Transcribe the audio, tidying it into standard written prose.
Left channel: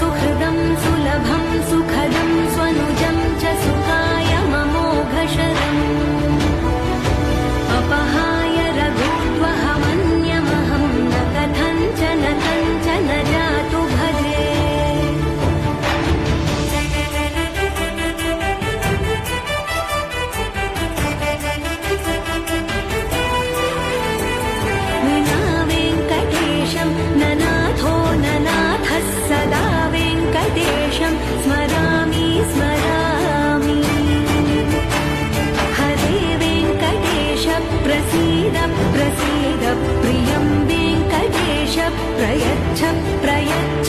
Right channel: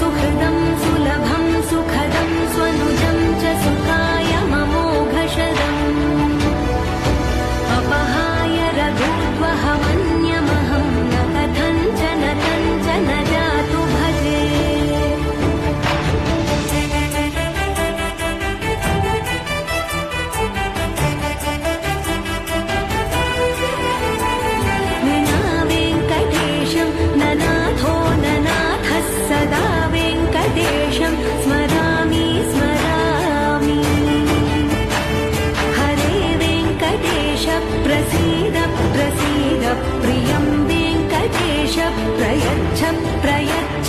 सुहृदं सुलभं सुखदं स्वनुजं च सुखाय ममोघशदम् अपहाय रघुद्वहमन्यमहं न कथञ्चन कञ्चन जातु भजे विना वेङ्कटेशं ननाथो ननाथः सदा वेङ्कटेशं स्मरामि स्मरामि हरे वेङ्कटेश प्रसीद प्रसीद प्रियं वेङ्कटेश प्रयच्छ प्रयच्छ